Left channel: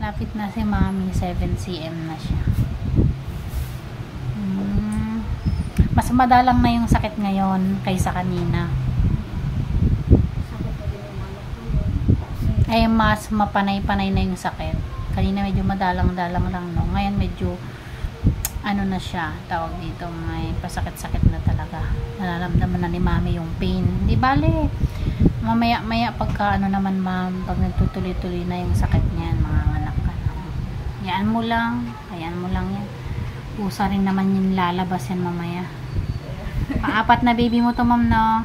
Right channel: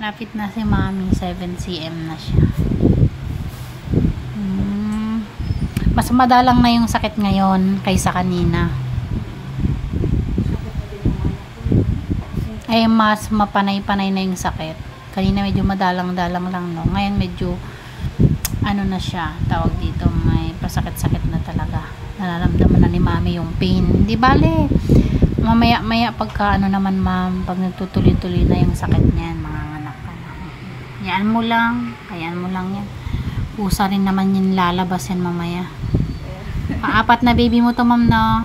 Lapit na si Mami, 7 cm na siya. Mas madalang na yung sakit ngayon kaysa kanina. Ay mas mapanay-panay na yung sakit. Kanina medyo madalang-dalang lang, no. Ngayon medyo ano na siya, tawag dito, may pasakit-sakit na talaga. Nararamdaman na ni Mami yung pain. Hindi bale. Mamaya-maya pagka ano naman, ma'am, pag nagtutuloy-tuloy na yung sakit niyan, mga anak ka na. Hayaan mo lang yan. Usa rin naman yung lalabas yan mamaya. Paapat na baby mo to, ma'am, no?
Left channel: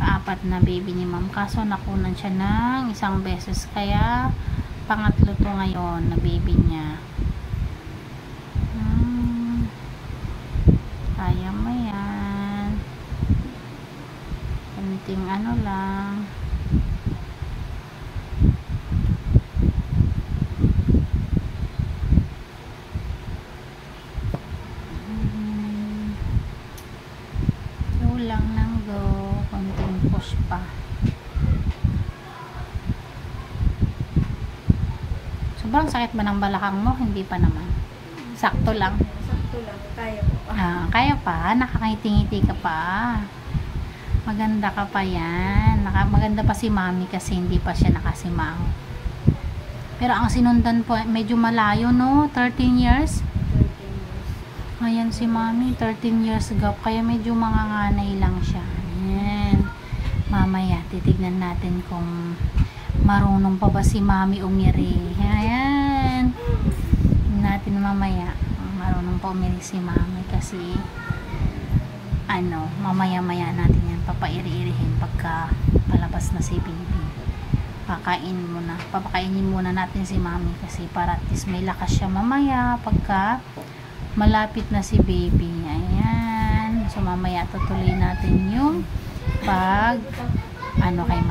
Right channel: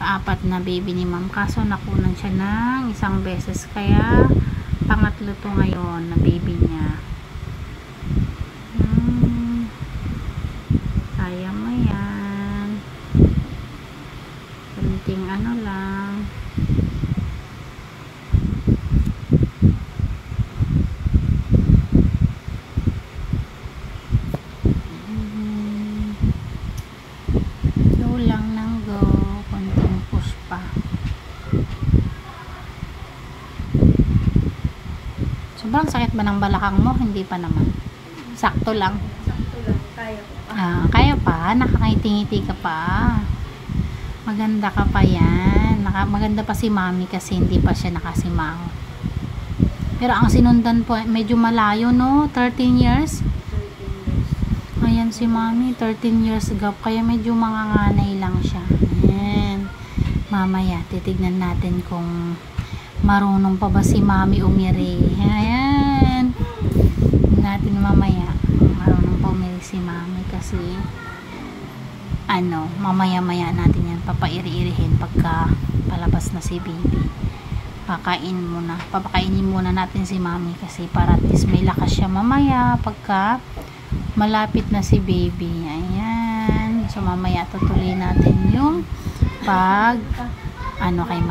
Paapat na baby ni ma'am. Kaso nakunan siya ng isang beses. Kaya pangatlo to ngayon na baby niya. Kaya mo yan. Kunting ano lang. Go lang ng go. Kunting push pa. Sobrang sakit ba ng balakang mo? Hindi pa naman. Sakto lang. Kaya pa, nakakangiti-ngiti ka pa. Maganda ka pa yan. Maganda pa si Mami kasi hindi pa siya nakasimango. Pero ang sinundan po, medyo malayo, no? 13 years. Ayan si Mami, 13 years gap. Kaya medyo manganganay lang siya. Ayan. Mamaya, titignan natin kung marunong pa ba si Mami umiri. Ayan. Natin mamaya marunong pa umiri si Mami kasi ano, mamaya-maya natin yan papairi-irihin pagka palabas na si baby. Papakainin muna natin si Mami kasi para at least may lakas siya mamaya pagka malapit na si baby. Ayan. So mamaya tutuloy natin yung pag ano kay Mami.